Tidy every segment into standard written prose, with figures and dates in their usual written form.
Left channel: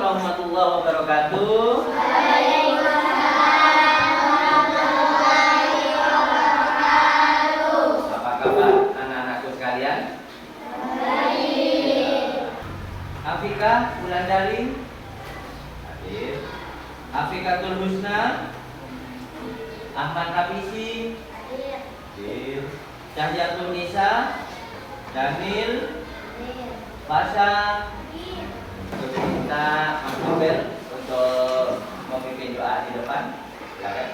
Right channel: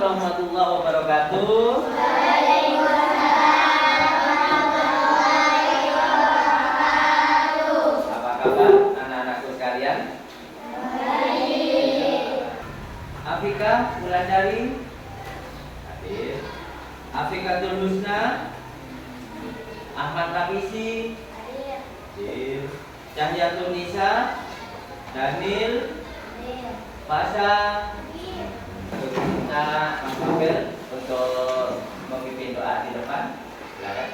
warahmatullahi wabarakatuh. Apa kabar anak-anakku sekalian? Afika Wulandari, hadir. Afikatul Husna, Ahmad Nafisi, hadir. Cahyatul Nisa, Daniel, Pasha. Untuk kita mengambil untuk memimpin doa di depan, silakan.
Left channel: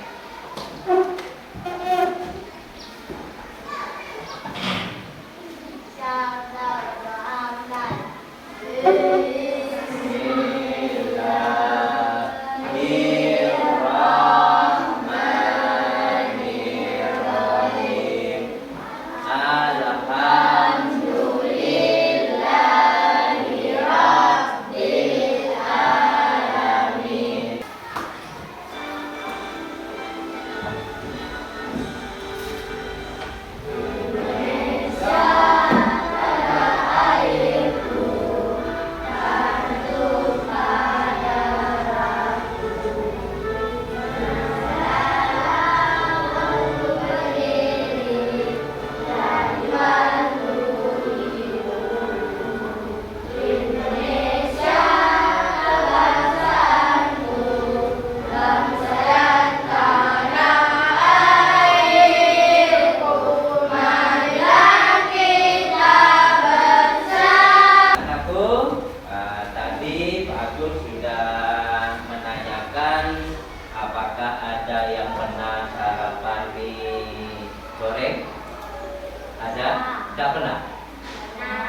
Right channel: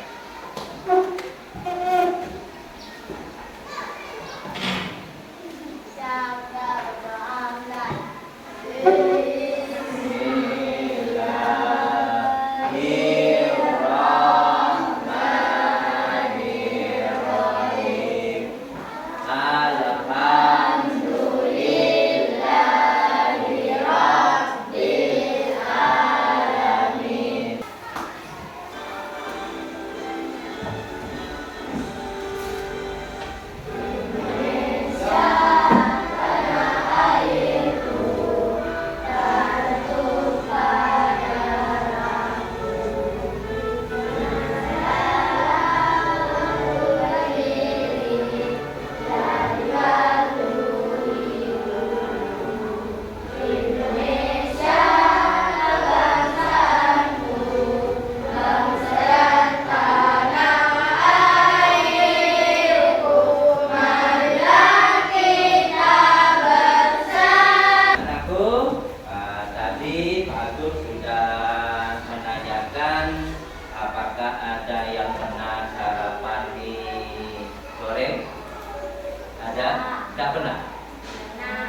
Tidak pernah?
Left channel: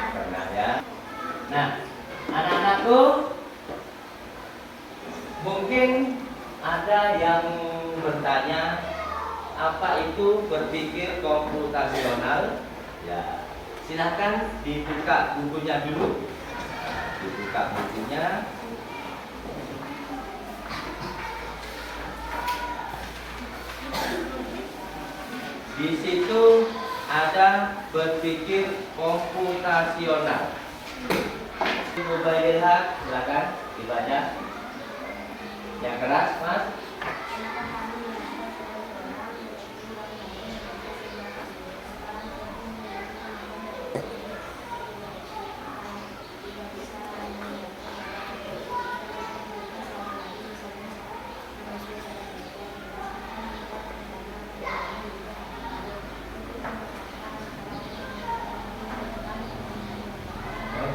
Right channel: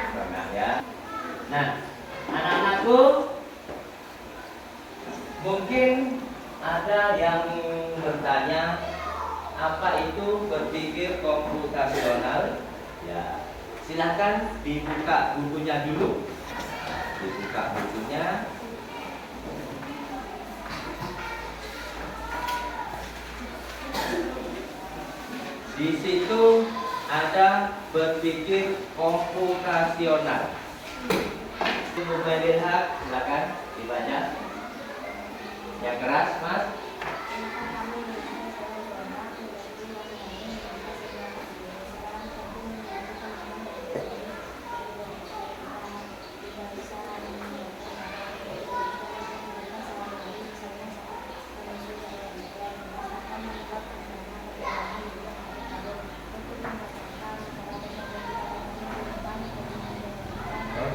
Pernah ya. Nah, anak-anakku, mungkin ada yang bertanya, apa itu berpikir komputasional? Ya, silahkan dibuka bukunya dulu. Dibuka bukunya. Di situ ada berpikir komputasional. Mubaililhaq, silakan dibaca. Yang keras, Mas.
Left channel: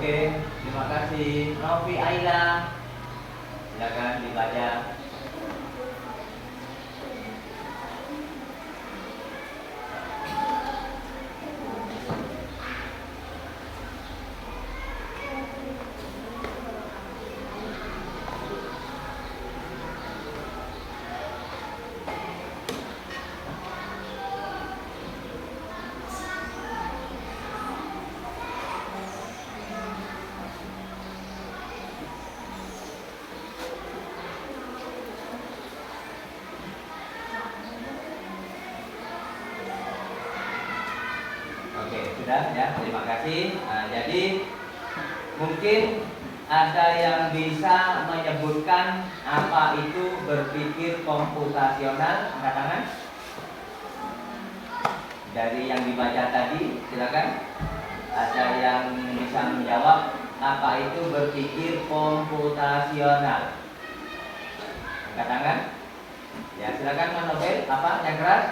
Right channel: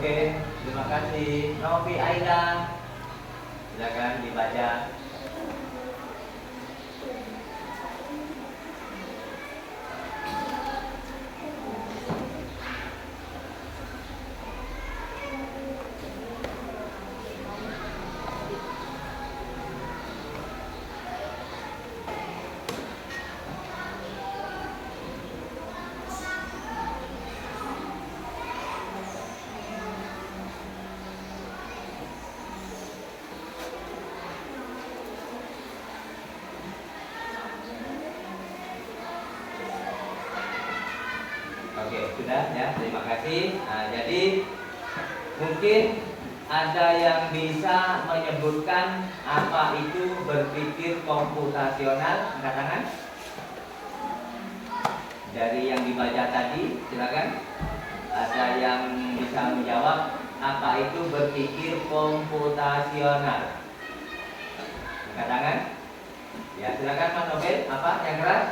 Oke, terima kasih. Novi Aila, silakan dibaca. Oke, sudah ya, terima kasih. Nah, jadi mungkin ada yang bisa menyebutkan apa itu berpikir komputasional? Angkat tangan. Dari yang dibaca tadi, silakan. Ada yang bisa menjawab apa itu berpikir komputasional? Angkat tangan. Ya, silakan Mas Nobel. Apa yang keras?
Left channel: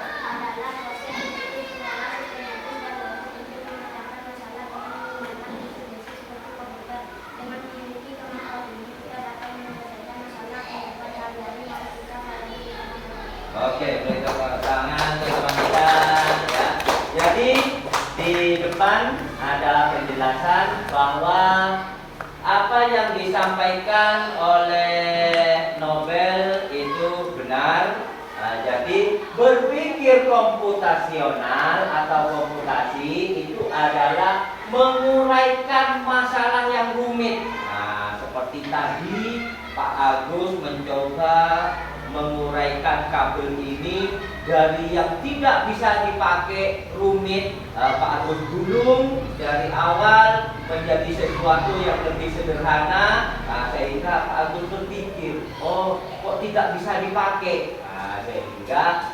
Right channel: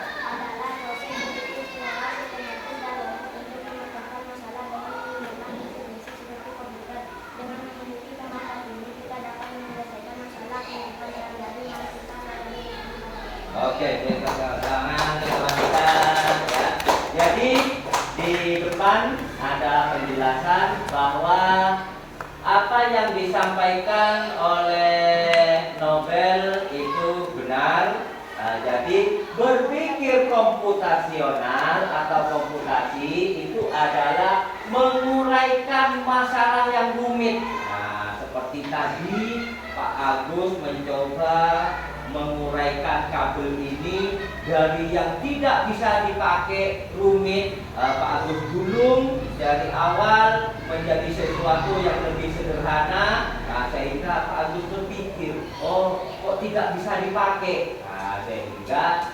Oke, beri tepuk tangan teman kita ya. Jadi di depan ada penjelasan bahwa apa yang disampaikan oleh Nobel itu benar. Jadi berpikir komputasional atau komputasi itu adalah menguraikan masalah yang rumit. Nah, seperti tadi Pak Agus mencoba menguraikan kabel ini dari yang tidak bisa dipakai rumit, Pak Agus gulung dari awal menjadi sesuatu yang lebih sederhana, sehingga maka Pak Agus berpikir, oh kok tidak bisa dipakai. Nah, sehingga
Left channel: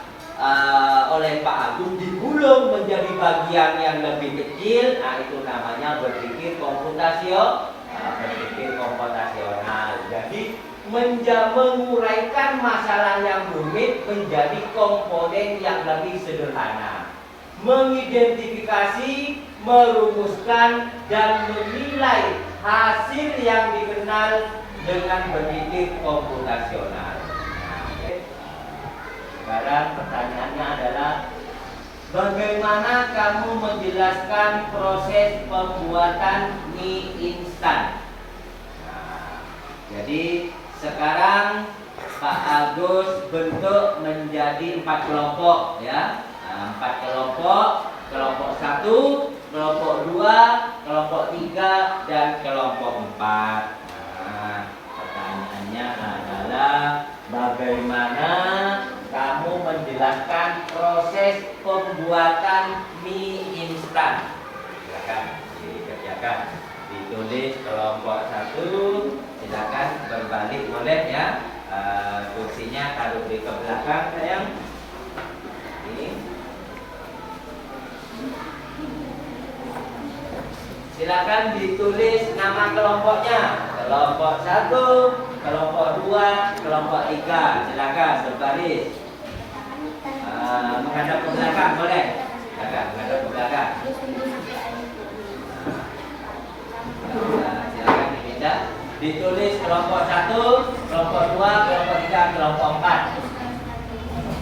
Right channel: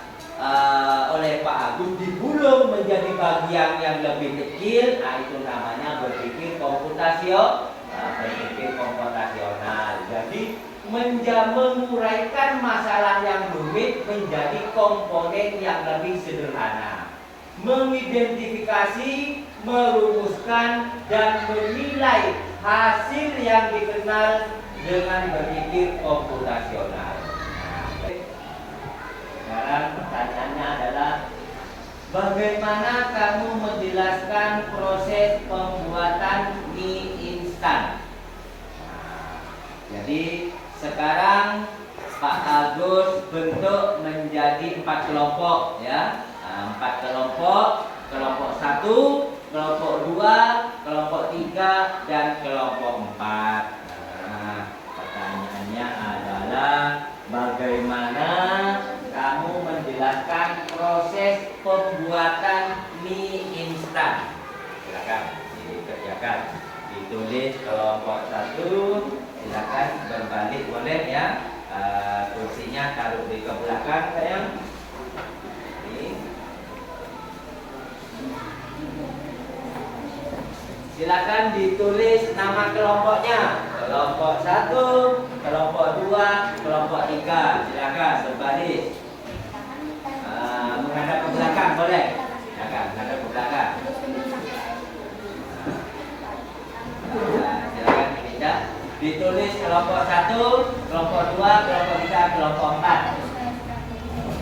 oleh Pak Agus digulung menjadi bagian yang lebih kecil. Nah, itu namanya berpikir komputasional. Jadi menguraikan masalah yang rumit menjadi komponen yang lebih sederhana, mengidentifikasi, merumuskan, dan menilai hasil yang dikenal dengan berpikir komputasional. Sekarang pertanyaannya adalah, bagaimana kamu menjelaskan proses pembuatan mie instan? Jadi sekarang Pak Agus bentuk menjadi 4 kelompok, ya. 4 kelompok, kelompok 1, kelompok 2, kelompok 3, dan kelompok 4. Nah, pertanyaannya adalah, bagaimana kamu menjelaskan proses pembuatan mie instan? Silakan dikerjakan. Ditulis kelompok 1, silakan berbalik boleh ya. Kursinya taruh di ke belakang sayang. Ini. Silakan ditulis nama kelompoknya. Kelompok 1, kelompok 2, kelompok 3. Silakan berbaris. Menghadap ke belakang boleh. Silakan menghadap ke belakang. Silakan dipindah. Ditulis kelompok 1, kelompok 2, kelompok 3, kelompok 4.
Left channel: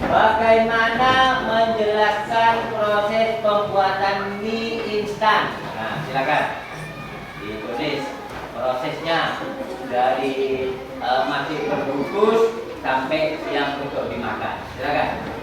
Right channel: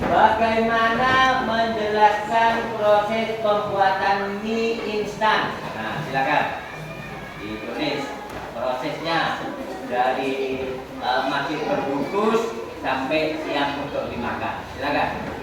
Bagaimana menjelaskan proses pembuatan mie instan? Nah, silakan ditulis prosesnya dari masih berbungkus sampai siap untuk dimakan. Silakan.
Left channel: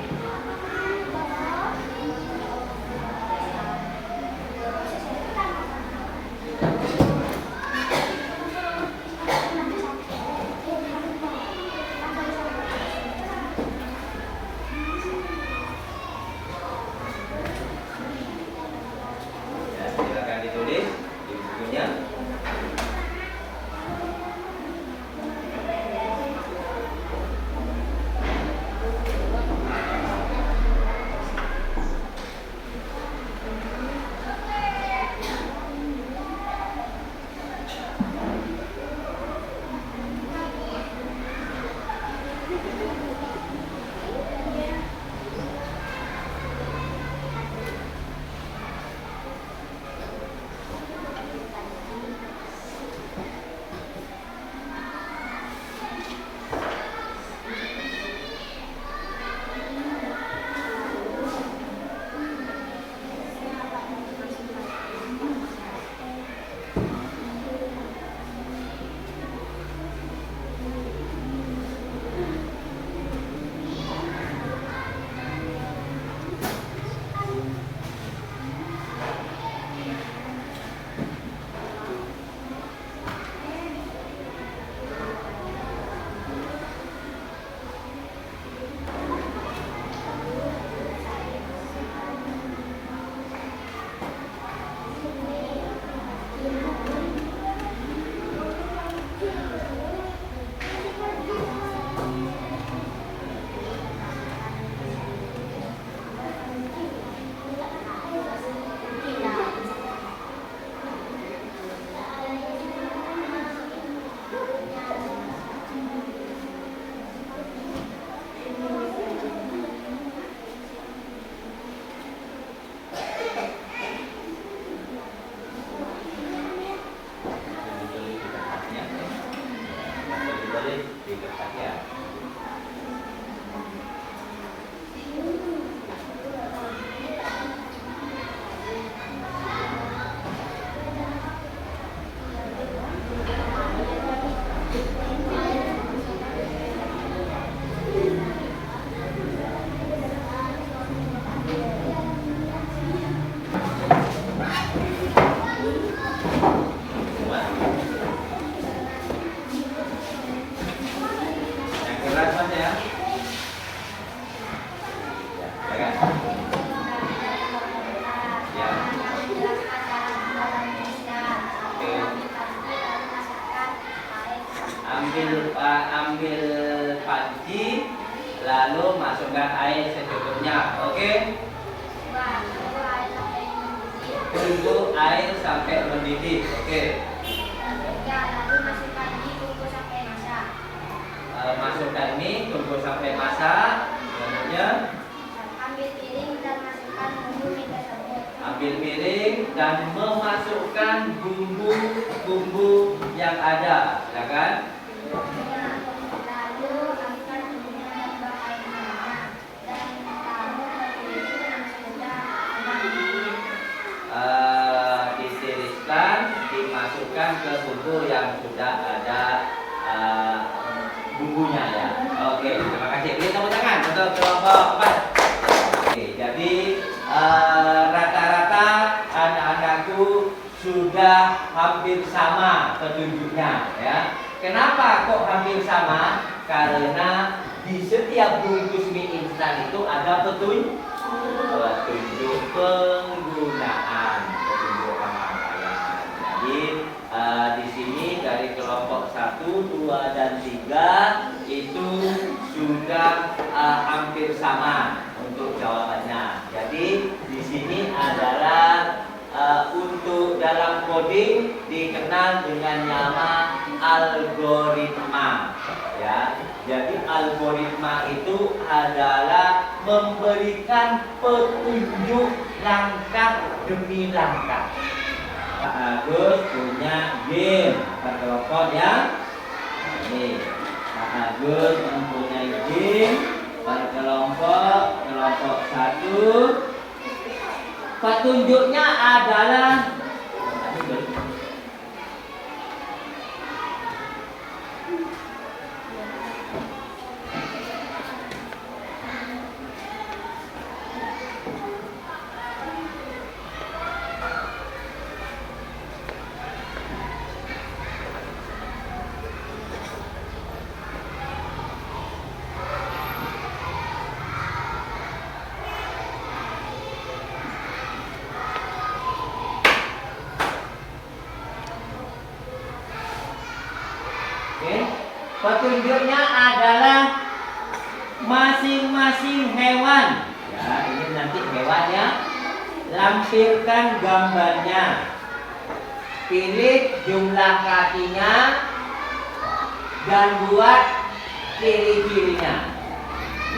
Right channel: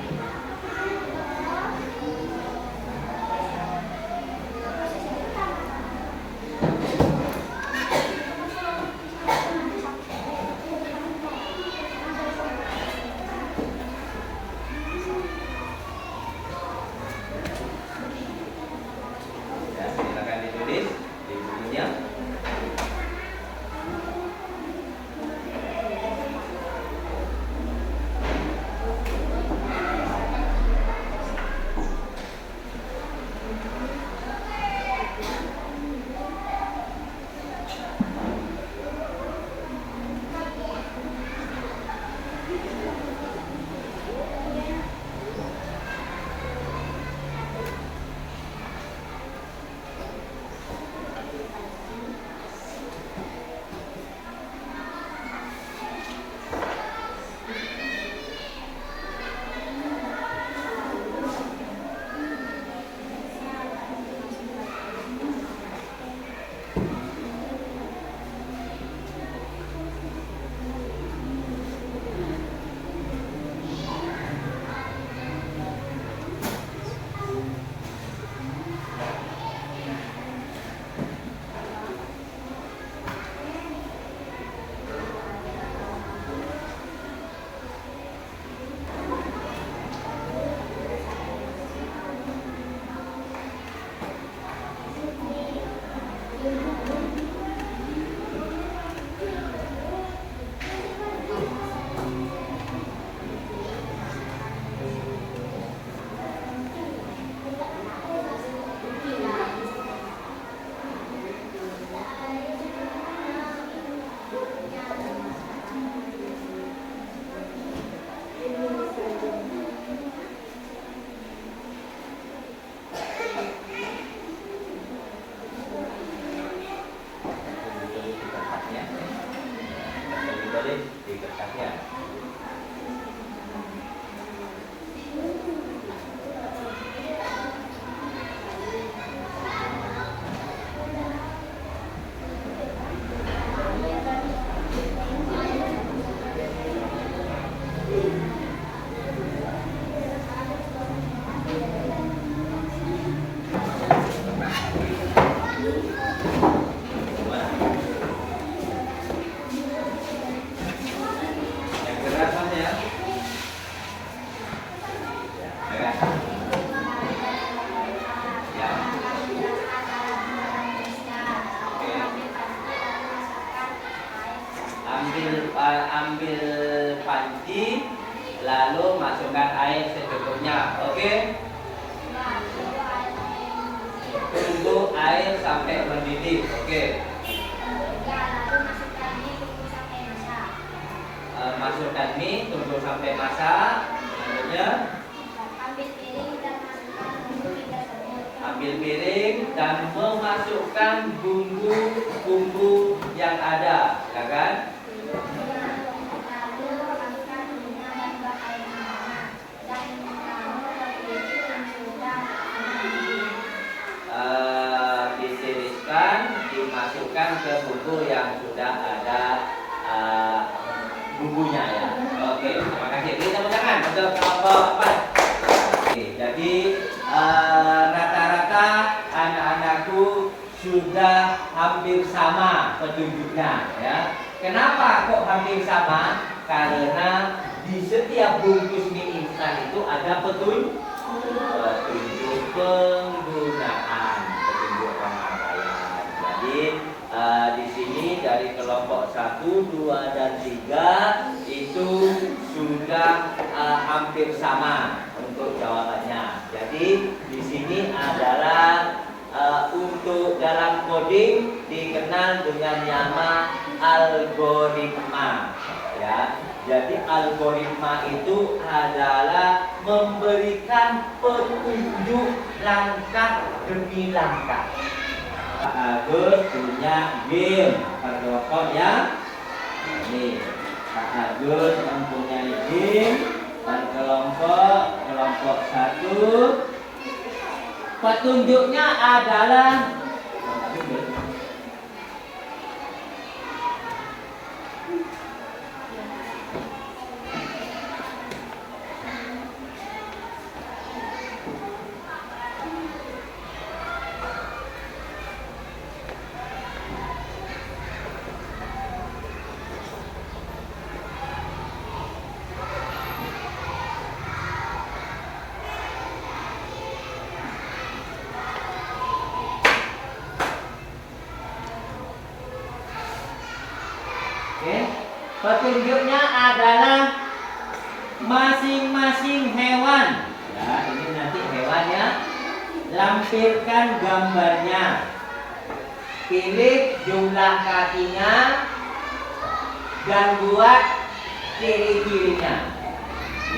ambil panci, lalu masukkan air secukupnya. Oke? Tunggu air sampai mendidih. Oke? Masukkan mie, tunggu sampai masak. Selanjutnya ambil piring dan memasukkan bumbu-bumbu yang ada, ya kan? Ditiriskan, dimasukkan ke bumbu yang sudah ada bumbunya ya. Oke, terima kasih. Beri tepuk tangan untuk kelompok 4. Oke, jadi rata-rata anak-anakku sudah hampir sama petunjuknya ya. Kenapa kok hampir sama? Karena di setiap bungkus mie instan itu ada petunjuk penggunaan, petunjuk pemakaian. Jadi di sini dari kelompok 1, 2, dan 3 itu sudah hampir sama untuk jawabannya. Jadi di sini adalah untuk dalam coding dikenal dengan nama algoritma. Ya, jadi algoritma itu adalah memberikan petunjuk langkah demi langkah. Pak Agus punya game kelompok ya. Ini Pak Agus mempunyai game kelompok 1. Petunjuknya adalah petunjuknya adalah masing-masing hewan. Ya, ini nanti hewannya. Lampirkan gambarnya. Pilih jumlah kakinya dan buat ciri-cirinya.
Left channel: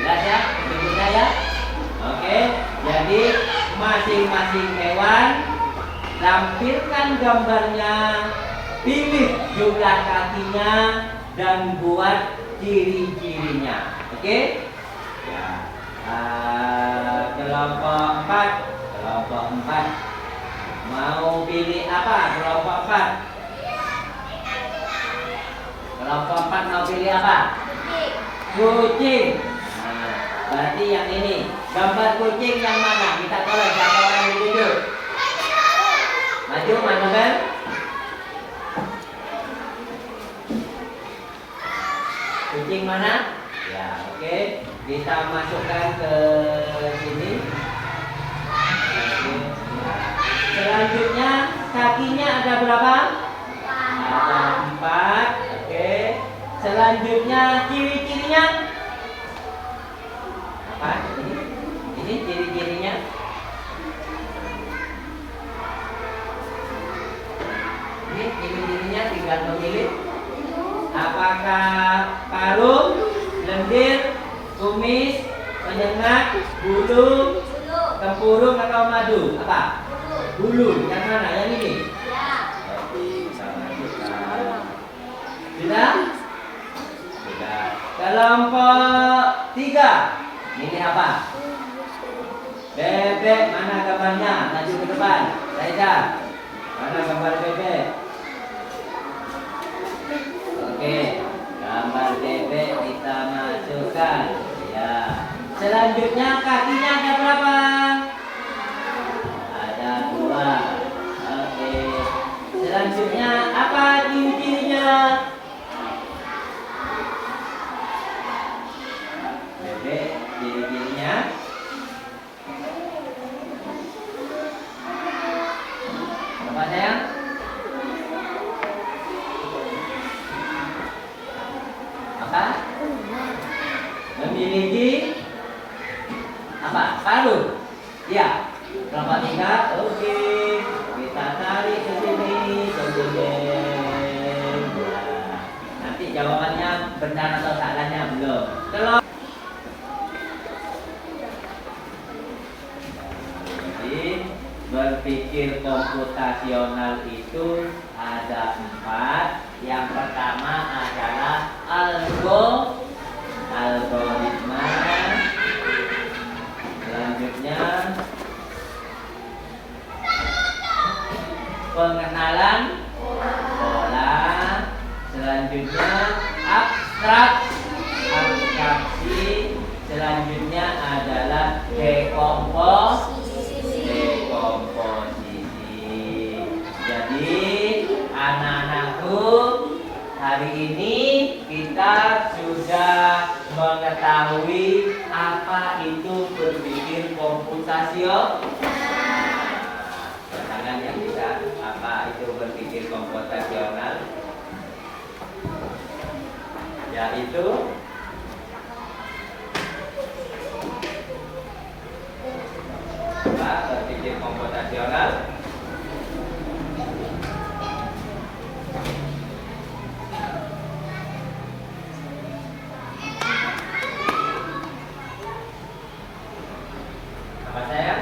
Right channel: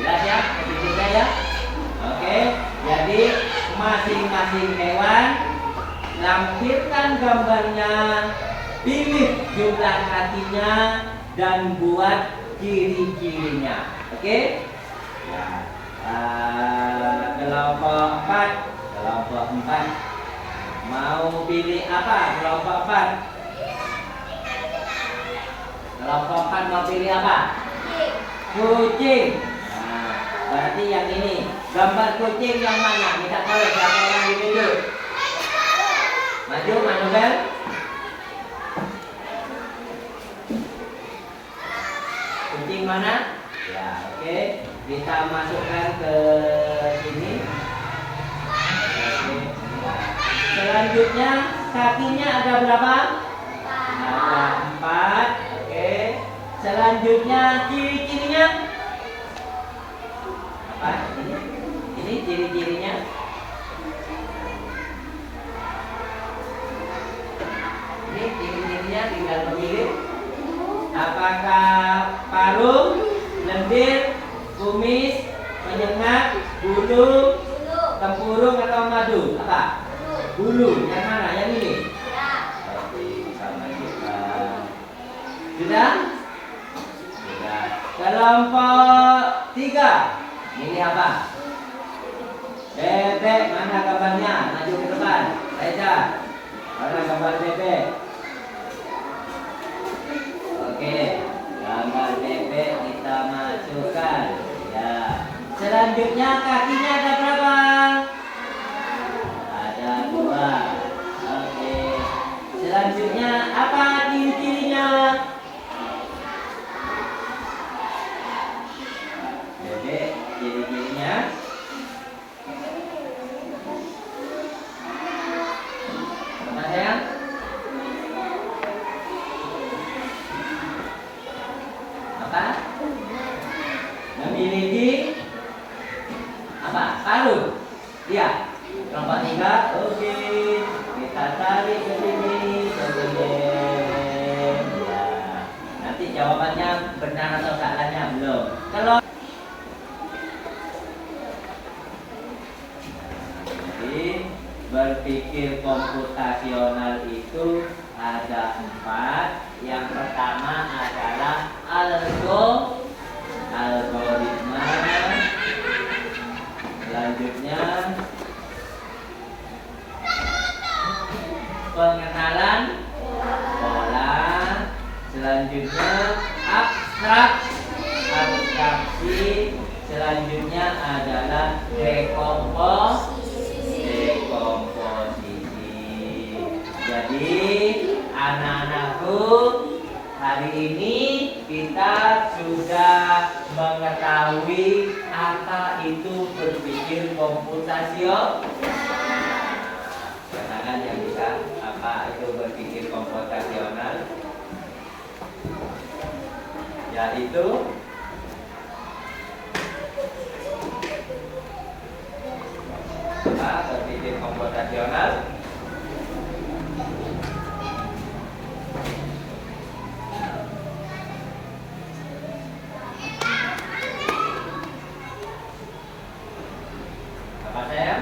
Jelas ya? Ciri-cirinya ya? Oke. Jadi masing-masing hewan lampirkan gambarnya. Pilih jumlah kakinya dan buat ciri-cirinya. Oke? Ya. Kelompok 4 mau pilih apa? Kelompok 4 mau pilih apa? Kucing. Nah, berarti yang ini. Gambar kucing yang mana? Kita tahu siapa orang duduk. Maju kan? Kucing mana? Ya, oke. Kita masukkan ke sini. Selanjutnya kakinya ada berapa? Ada 4. Oke. Selanjutnya ciri-cirinya apa? Ini ciri-cirinya. Ini ciri-cirinya tinggal memilih. Apakah paruh, lendir, kumis, penyengat, bulu, tempurung atau madu? Apa? Bulu. Yang mana? Yang ini? Ya. Oke, sama kita. Sudah? Sudah. Kelompok 3. Ini apa? Bebek. Mana gambarnya? Maju ke depan. Reza. Mana gambar bebek? Oke, gambar bebek kita masukkan. Ya. Selanjutnya kakinya ada berapa? Ada 2. Oke. Selanjutnya apa ciri-cirinya? Bebek, ciri-cirinya. Apa sayang? Harus. Iya. Kelompok 3. Oke. Kita tarik ke sini. Nah, nanti jawabannya benar atau salahnya belum. Kalau berpikir komputasional itu ada 4. Yang pertama adalah algoritma. Selanjutnya pengenalan pola. Selanjutnya abstraksi. Selanjutnya adalah dekomposisi. Jadi anak-anakku, hari ini kita sudah mengetahui apa itu berpikir komputasional. Katakan yang bisa apa itu berpikir komputasional, yaitu apa berpikir komputasional? Apa saya?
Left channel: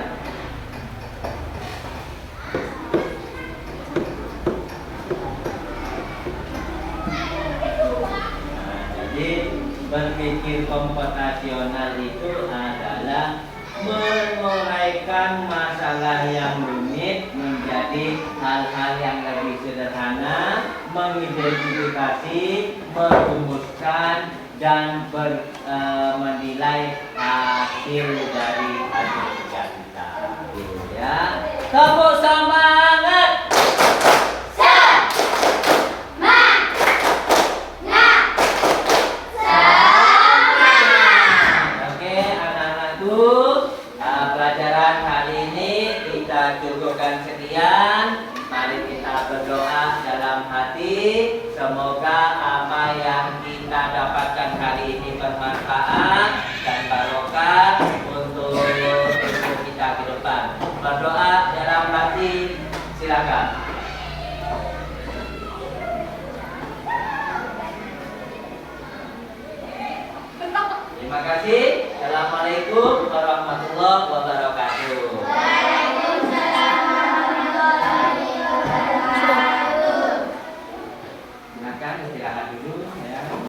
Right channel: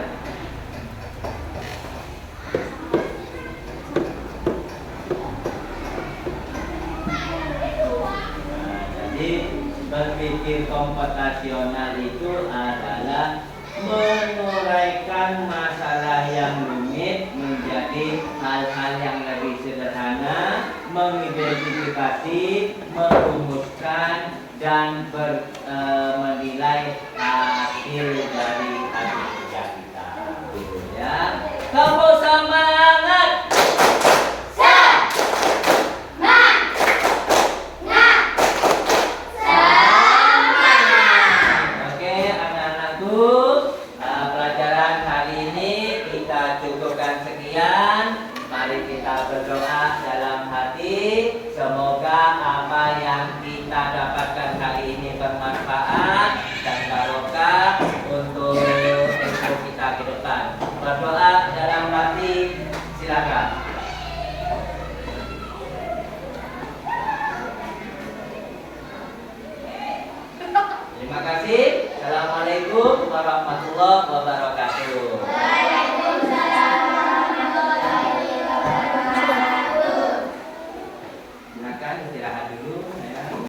Berpikir komputasional itu adalah menguraikan masalah yang rumit menjadi hal-hal yang lebih sederhana, mengidentifikasi, merumuskan, dan menilai hasil dari hasil kerja kita. Ya, tepuk semangat. Pelajaran kali ini kita cukupkan sekian. Mari kita berdoa dalam hati. Semoga apa yang kita dapatkan hari ini bermanfaat dan barokah untuk kita ke depan. Berdoa dalam hati, silakan. Terima kasih. Assalamualaikum